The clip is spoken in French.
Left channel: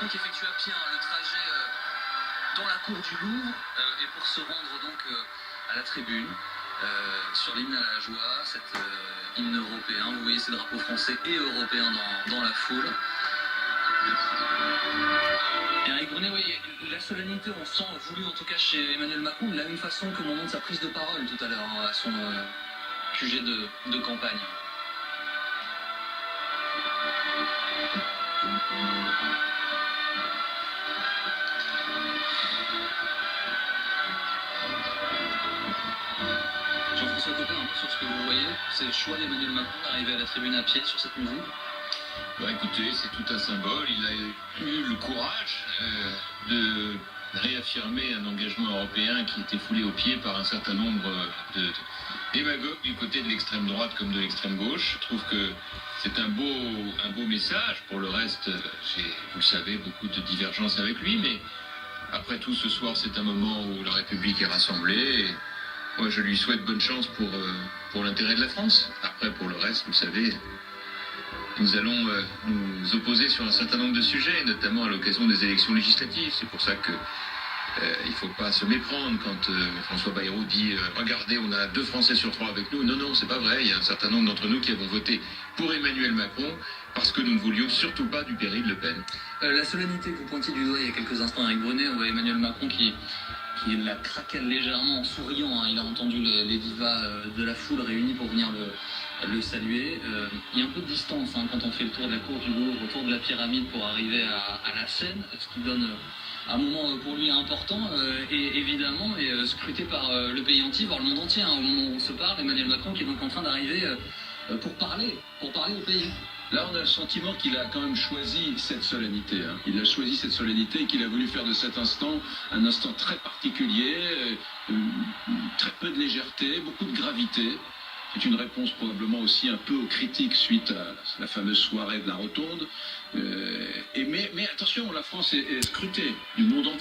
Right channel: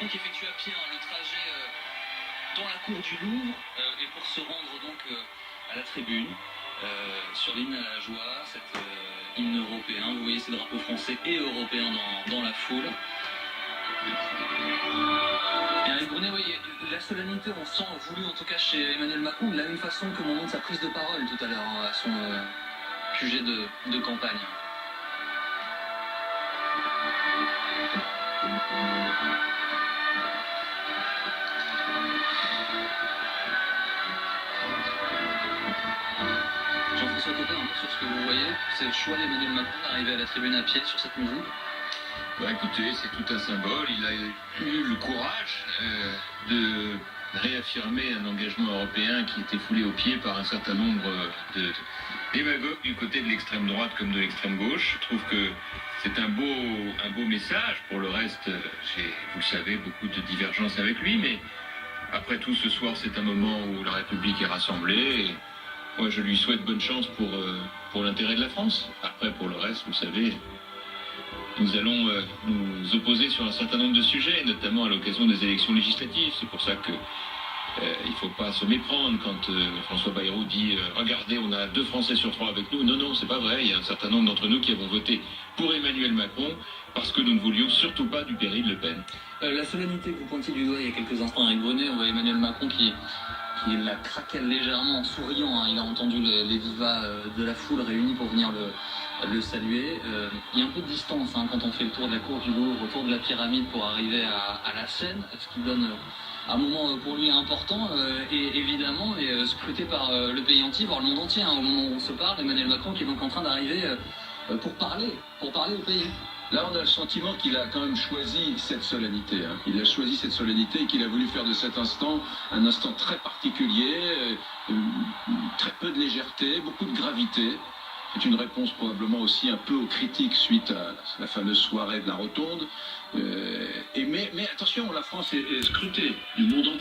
Macron qui effectue à pied le trajet dans la cour du Louvre et pour se rendre donc à la tribune sur l'hymne à la joie, cet hymne européen. Vous voyez ces drapeaux français et européens dans la foule. Et Eric Brunet, oui, la solennité, on sent voulu en tout cas chez Emmanuel Macron de la même façon que au moment de sa prise de parole tout à l'heure à son sujet de campagne. Jean-François Copé, un peu sur ce que vous voyez, c'est le choix d'Emmanuel Macron d'arriver à la tribune à pied sur cette musique. Bah écoutez, c'est tout un symbole. Il a eu le courage de réaffirmer un engagement européen qui était foulé aux pieds par un certain nombre de démagogues du côté de l'extrême droite comme de l'extrême gauche. Je trouve que c'est un beau message. Pour le reste, j'ai, vous le savez, beaucoup de divergences avec lui, mais après tout, ce soir, c'est un moment où la République est rassemblée. Et moi, je lui souhaite bonne chance pour l'intérêt de la France. Après, pour le reste, vous savez, nous allons nous opposer sur un certain nombre de sujets, notamment à l'occasion des élections législatives. C'est pour ça que il ne faut pas se méprendre quand François Bayrou dit regardez, on a 2 Français sur 3 avec nous. Non, c'est pas vrai. Il y a un certain nombre d'entre nous qui avons voté pour Emmanuel Macron parce que nous ne voulions surtout pas du Péry de Le Pen. La solennité que vous pointiez du doigt il y a quelques instants avec Brunet, on voit Emmanuel Macron qui la craquelle légèrement en souriant. Il a entendu les vivas de la foule réunie pour venir le saluer. Il y a un peu de distance quand on fait le tour de la cour du Louvre, autour de la pyramide pour arriver à la scène, ce qui donne un moment pour lui important et évidemment scruté par le pays entier, voire le monde entier. Au moment où on se parle, Emmanuel Macron qui est donc en train d'arriver pour parler au pays. Là, on a le sentiment qu'il a quand même choisi cette solennité. Il a choisi cette solennité et qu'il a voulu faire de cet instant un instant très particulier, très peu de légèreté, beaucoup de gravité. C'est une réponse probablement aussi un peu aux critiques suite à la fameuse soirée de la Rotonde. Mais attention, la France est scrutée du monde entier.